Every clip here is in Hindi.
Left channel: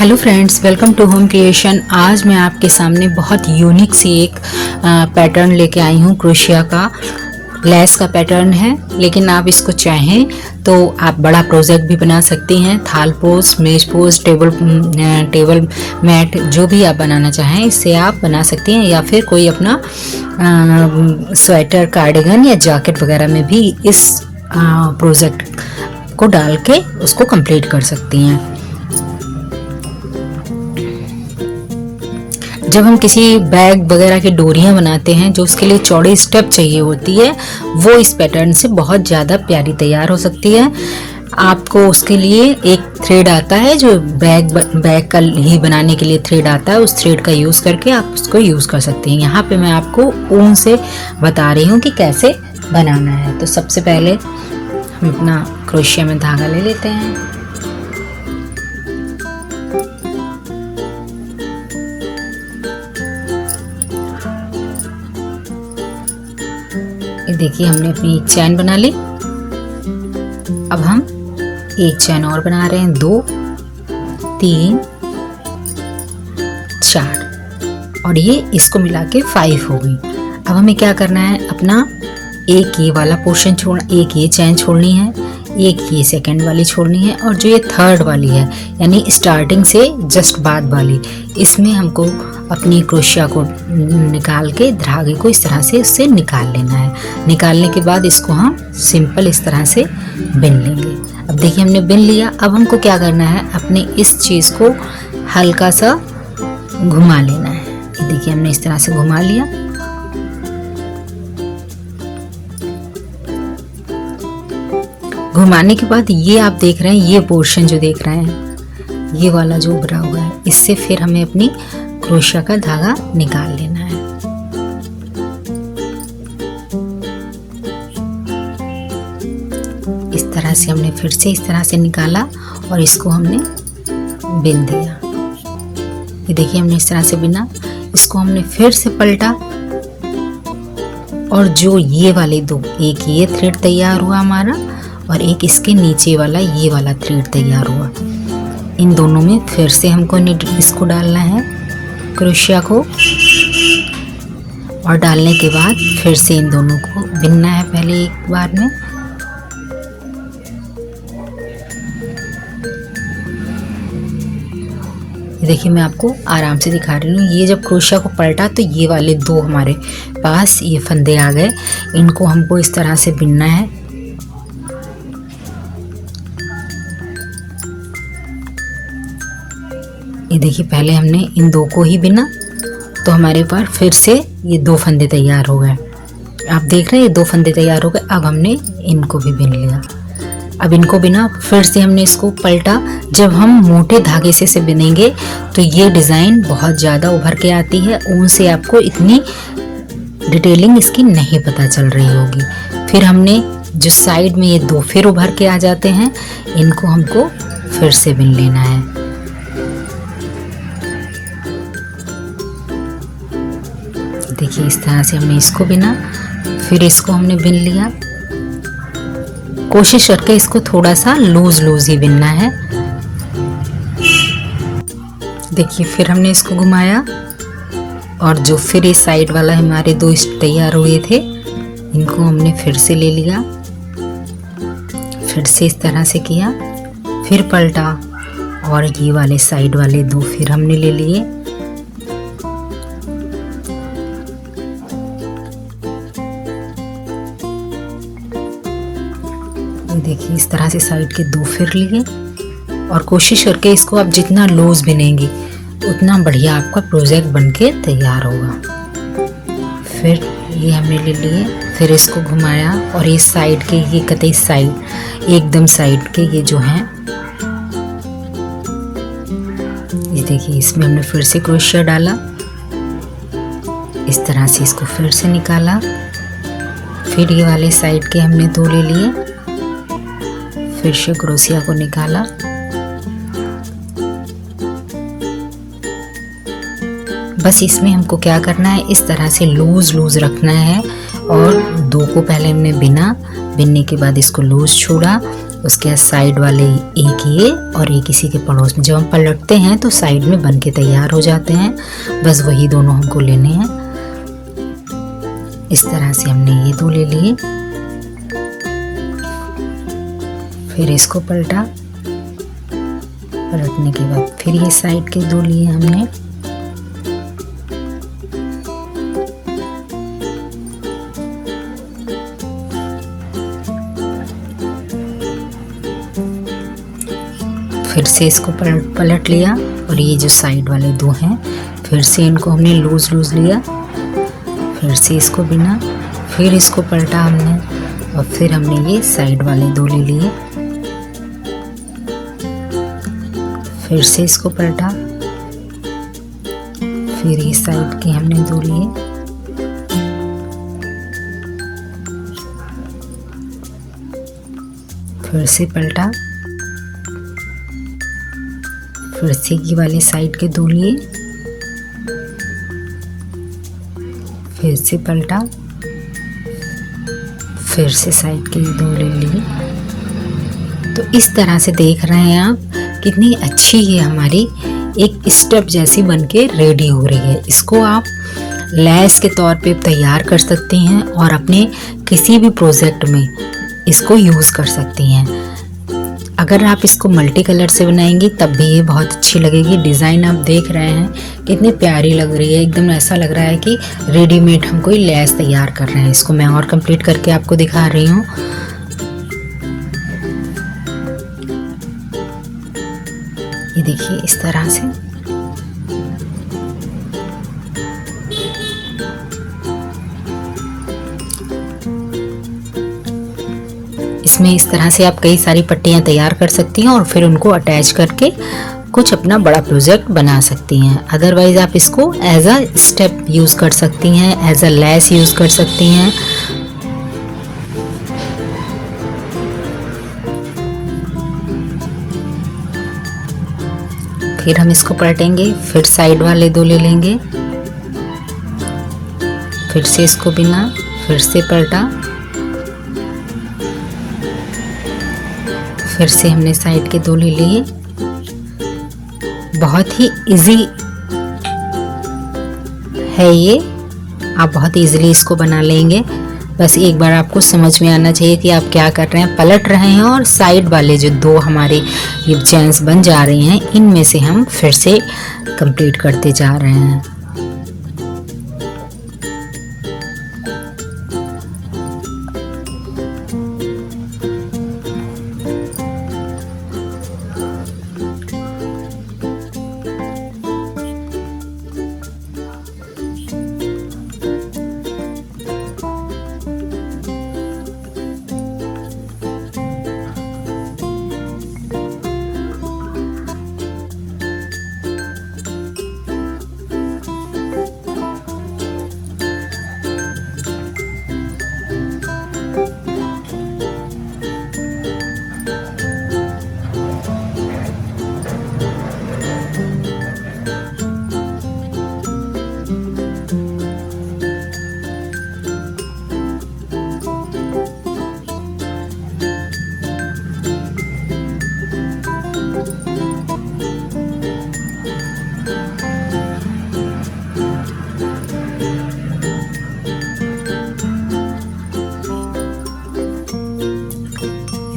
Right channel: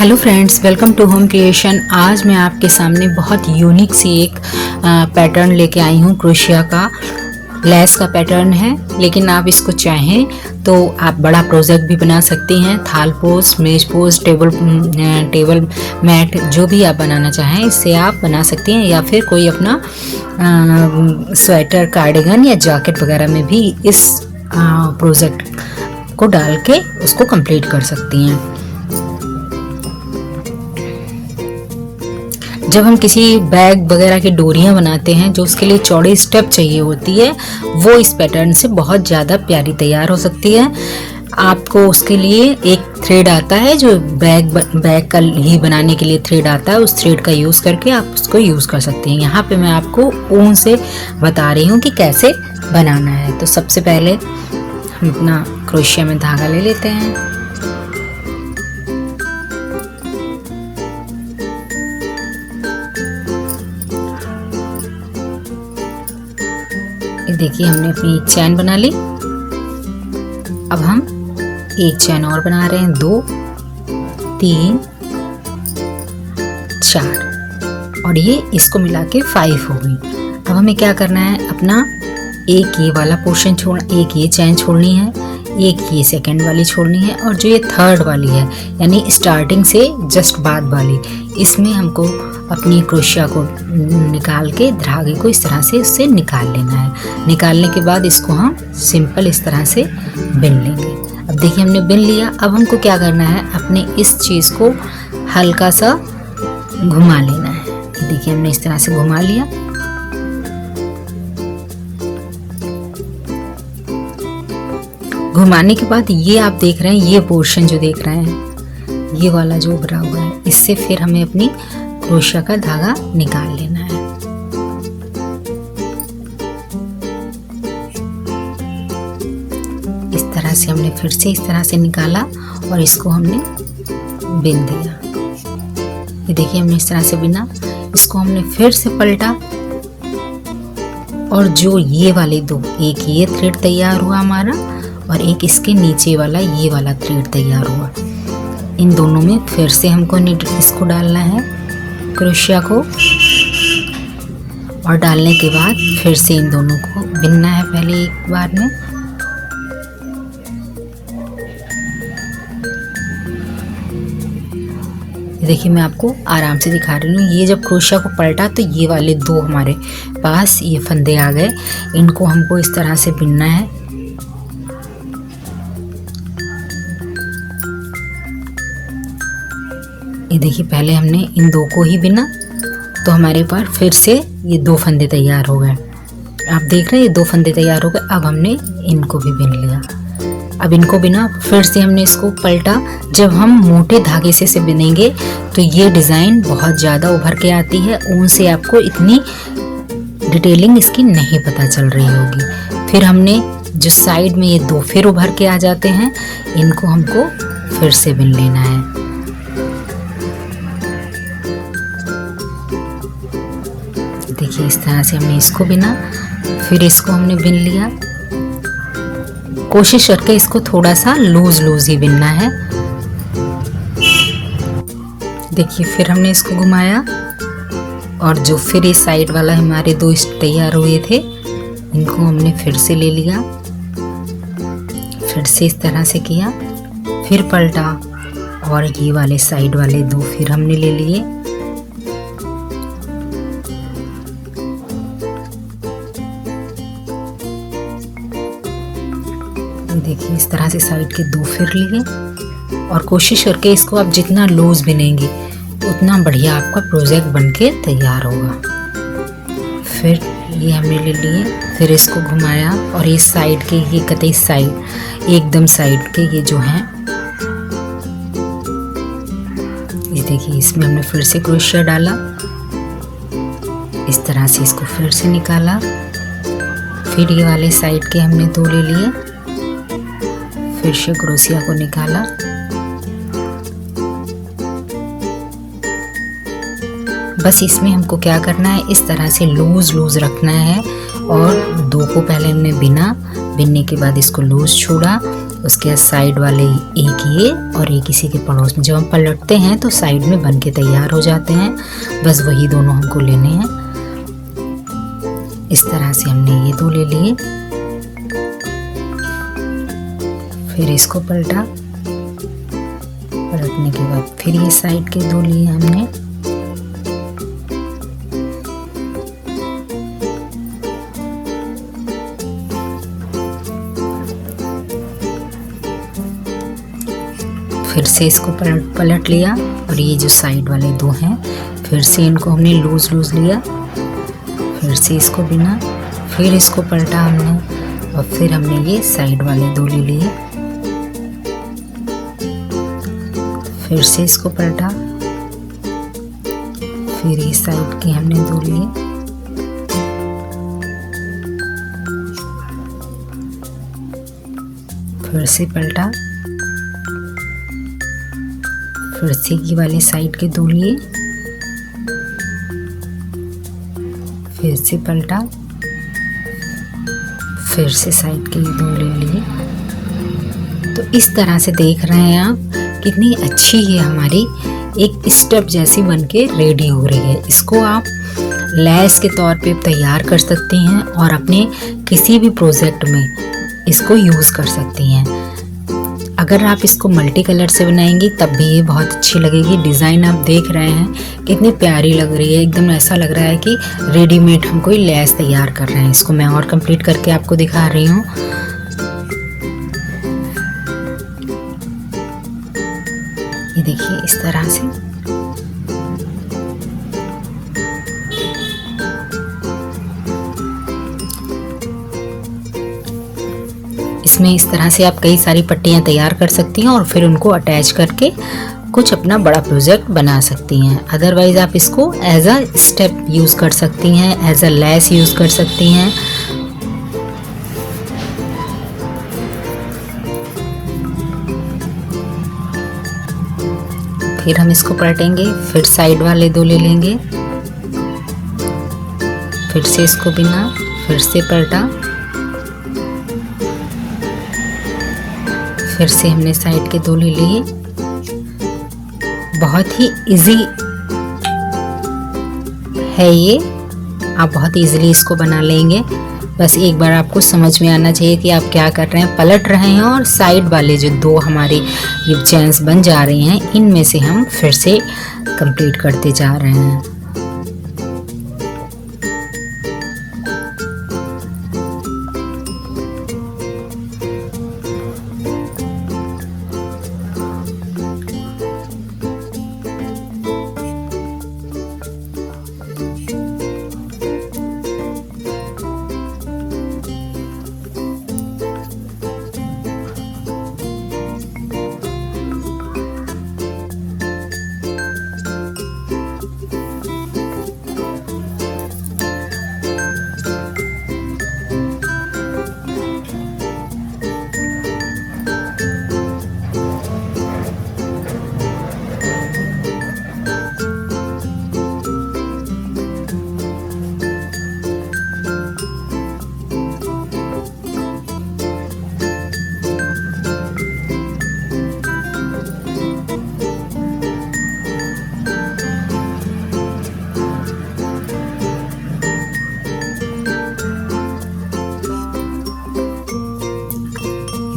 Hello friends, welcome to home creation. आज मैं आपके सामने बहुत यूनिक सी एक पैटर्न लेके आई हूँ। क्रोशिया का लेस का पैटर्न है, लेकिन आप इसको चाहें तो आप बड़ा प्रोजेक्ट भी बना सकती हैं। थाल पोज, मेज पोज, टेबल मैट, जो भी आप बनाना चाहें इससे आप बना सकती हैं, या फिर कोई अपना स्वेटर, कार्डिगन या जैकेट वगैरह में भी इस प्रोजेक्ट को डाल के उसको कंप्लीट कर सकती हैं। जब हम किसी बैग वगैरह की डोरियां बनाते हैं जो उसके लिए चौड़ी स्टेप चाहिए होती है, वो इस पैटर्न से बहुत ज़्यादा प्यारी तैयार हो सकती है। आपको उसके लिए एक थ्रेड आता है जो बैग का ही बनाने के लिए थ्रेड आता है, उस थ्रेड का यूज़ करके आप उसको यूज़ कर सकते हैं। यहाँ पे मैं आपको ऊन से बता रही हूँ कि कैसे बनाना है। तो सबसे पहले हम अपना क्रोशिया में धागा ले लेते हैं। देखिए, हमने अपनी एक चैन बना ली। अब हम एक चैन और बना रहे हैं, 2, 3, 4 और ये इसको मिला के 5 हो गई। अब हमें क्या करना है, अपना एक ये वाला पोर्शन एक ये चैन छोड़नी है, एक ये सेकंड वाली छोड़नी है, और जो ये थर्ड वाली है यानी स्टार्टिंग से जस्ट बाद वाली, इसमें हमको अपनी क्रोशिया को निकाल के धागे को इस तरह से उससे निकाल लेना है। निकालने के बाद इसको हम सिंपल इस तरह से बिन लेंगे। अब देखिए, हमने बिन लिया। अब हमको क्या करना है, अपने इस चीज़ को हल्का सा घुमा लेना है। ये देखिए, हमने इस तरह से घुमा लिया। घुमाने के बाद ये आप देख रहे हैं, ये पोर्शन जो देख रहे हैं, ये वाला जो उभरा हुआ है, इससे फिर हमें अपनी क्रोशिया का धागा निकाल लेना है। इस तरह से हमने फिर से इस तरह से निकाला और इसको हमने बिन दिया। ये देखिए, हमने इस तरह से बिना, इसको हमने फिर से पलटा और जो ये वाले दो, एक ये थ्रेड तैयार हुआ हमारा और एक इसके नीचे वाला ये वाला थ्रेड तैयार हुआ। इन दोनों में फिर से हमको इसको डालना है, क्रोशिया को, और डालने के बाद फिर से इन दोनों को बिनना है पहले एक बार में। देखिए, मैं आपको आराम से दिखा रही हूँ। ये जब क्रोशिया को पलटा तो ये वाले दो हमारे पास ये फंदे आ गए, इनको हमको इस तरह से बिनना है। ये देखिए, पहले हमने इन दो को ही बिना तो हमारे पास फिर से ये दो फंदे तैयार हो गए। आप देख रहे हैं, ये दो फंदे तैयार हो गए। अब हमने इनको भी बिन लिया। अब इनको बिना फिर से हमने इसको पलटा। जब हम मोटे धागे से इसे बिनेंगे तो ये डिज़ाइन बहुत ज़्यादा उभर के आती है। ऊन से आपको इतनी डिटेलिंग इसकी नहीं पता चल रही होगी। फिर हमने जो साइड में ये दो फिर उभर के आ जाते हैं, इनको हमको फिर से बिन लेना है। देखिए, इस तरह से हमने इसको बिना, फिर इसको हमने बिन लिया। कोशिश करके इसको थोड़ा सा लूज ही बिनना है। देखिए, फिर हमने इसको घुमाया और जो फिर इस साइड वाला हमारे दो तैयार हुए थे, इनको हमने फिर से ले लिया। फिर से इस तरह से किया, फिर पलटा और ये वाले साइड वाले दो फिर हमने ले लिए। देखिए, इस तरह से साइड के दो फिर लिए और कोशिश करके इसको आप जितना लूज बिनेंगे उतना बढ़िया आपका प्रोजेक्ट बनके तैयार होगा। फिर ये हमने ले लिए, फिर इसको घुमाया और ये साइड के, ये कतई साइड, एकदम साइड के ये जो हैं, ये देखिए, इसमें हमने फिर से क्रोशिया डाला। इस तरह से इसको फिर से निकाला। फिर ये वाले साइड के हमने दो ले लिए, फिर से क्रोशिया को निकाला। बस इसमें हमको क्या करना है, इस तरह से लूज रखना है और 2 को पहले हमने बिनने के बाद इसको लूज छोड़ा, उसके साइड वाले एक ये और एक इसी के पड़ोस में। जब हम पलटते हैं तो साइड में बन के तैयार हो जाते हैं। बस वही दोनों हमको लेने हैं। इस तरह से हमने ये 2 ले लिए। फिर इसको पलटा, पलटने के बाद फिर ये साइड के 2 लिए हमने। फिर से इसको पलट लिया और ये जो साइड वाले 2 हैं फिर से इनको हमने लूज लिया। फिर से इसको बिना, फिर इसको पलटा हमने और फिर हमने ये साइड वाले 2 ले लिए। फिर से इसको पलटा, फिर ये साइड के हमने 2 लिए। फिर से पलटा, फिर से की वाली साइड के 2 लिए। फिर से पलटा, फिर से साइड के 2 ले लिए। तो इस तरह से देख रहे हैं आप कितनी अच्छी ये हमारी एक स्टेप जैसी बनके रेडी हो रही है। इसको आप लैस के तौर पे तैयार कर सकती हैं और अपने किसी भी प्रोजेक्ट में इसको यूज़ कर सकती हैं। अगर आप इसको मल्टी कलर से बनाएंगी तब भी ये बहुत अच्छी लगेगी। डिज़ाइन आप देख रहे हैं कितनी प्यारी लग रही है, एकदम ऐसा लग रहा है कि रेडीमेड हम कोई लैस तैयार कर रहे हैं। इसको मैं और कंप्लीट करके आपको दिखा रही हूँ। ये देखिए इस तरह से इसमें इस तरह से आप कई सारी पट्टियां तैयार कर सकती हैं और फिर उनको अटैच करके कुछ अपना बड़ा प्रोजेक्ट बना सकती हैं। अदरवाइज आप इसको एज अ स्टेप यूज़ कर सकती हैं, एज अ लैस यूज़ कर सकती हैं। फिर हम इसको पलटेंगे, फिर साइड वाले 2 ले लेंगे। फिर से इसको बिना, फिर से पलटा, फिर से हमने साइड के 2 ले लिए। बहुत ही इजी है ये, आप बहुत इजीली इसको बना लेंगे। बस एक बार आपको समझ में आना चाहिए कि आप क्या कर रहे हैं। पलट रहे हैं और साइड वाले जो 2 हमारे ये चेन्स बन जा रही हैं इनमें से हम फिर से कंप्लीट करते जा रहे हैं।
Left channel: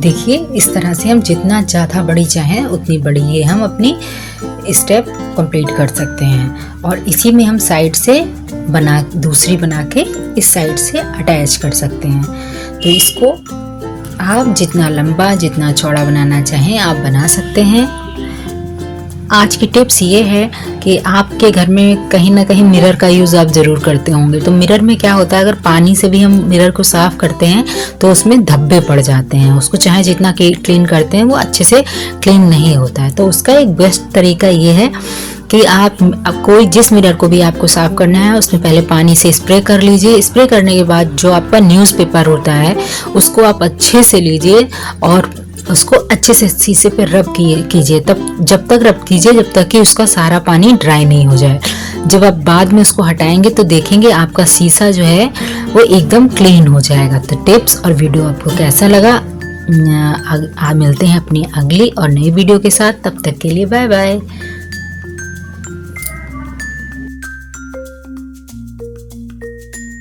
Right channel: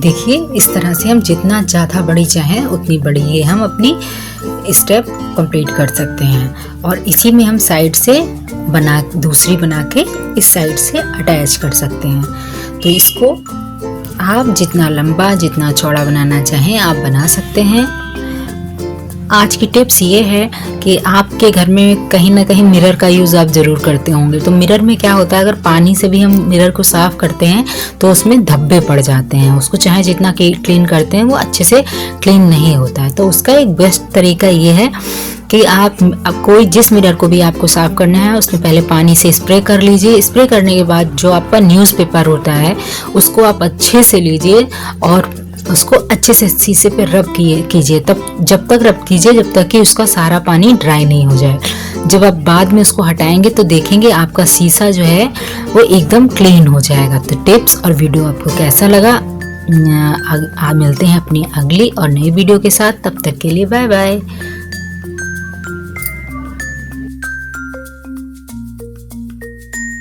देखिए इस तरह से हम जितना ज़्यादा बड़ी चाहें उतनी बड़ी ये हम अपनी स्टेप कंप्लीट कर सकते हैं। और इसी में हम साइड से दूसरी बना के इस साइड से अटैच कर सकते हैं। तो इसको आप जितना लंबा जितना चौड़ा बनाना चाहें आप बना सकते हैं। आज की टिप्स ये है कि आपके घर में कहीं ना कहीं मिरर का यूज़ आप ज़रूर करते होंगे। तो मिरर में क्या होता है, अगर पानी से भी हम मिरर को साफ़ करते हैं तो उसमें धब्बे पड़ जाते हैं। उसको चाहे जितना क्लीन करते हैं वो अच्छे से क्लीन नहीं होता है। तो उसका एक बेस्ट तरीका ये है कि आप कोई जिस मिरर को भी आपको साफ़ करना है उसमें पहले पानी से स्प्रे कर लीजिए। स्प्रे करने के बाद जो आपका न्यूज़पेपर होता है उसको आप अच्छे से लीजिए और उसको अच्छे से शीशे पे रब कीजिए। तब जब तक रब कीजिए जब तक कि उसका सारा पानी ड्राई नहीं हो जाए। जब आप बाद में उसको हटाएंगे तो देखेंगे आपका शीशा जो है वो एकदम क्लीन हो जाएगा। तो टिप्स और वीडियो आपको कैसा लगा, मिलते हैं अपनी अगली और नई वीडियो के साथ। तब तक के लिए बाय बाय।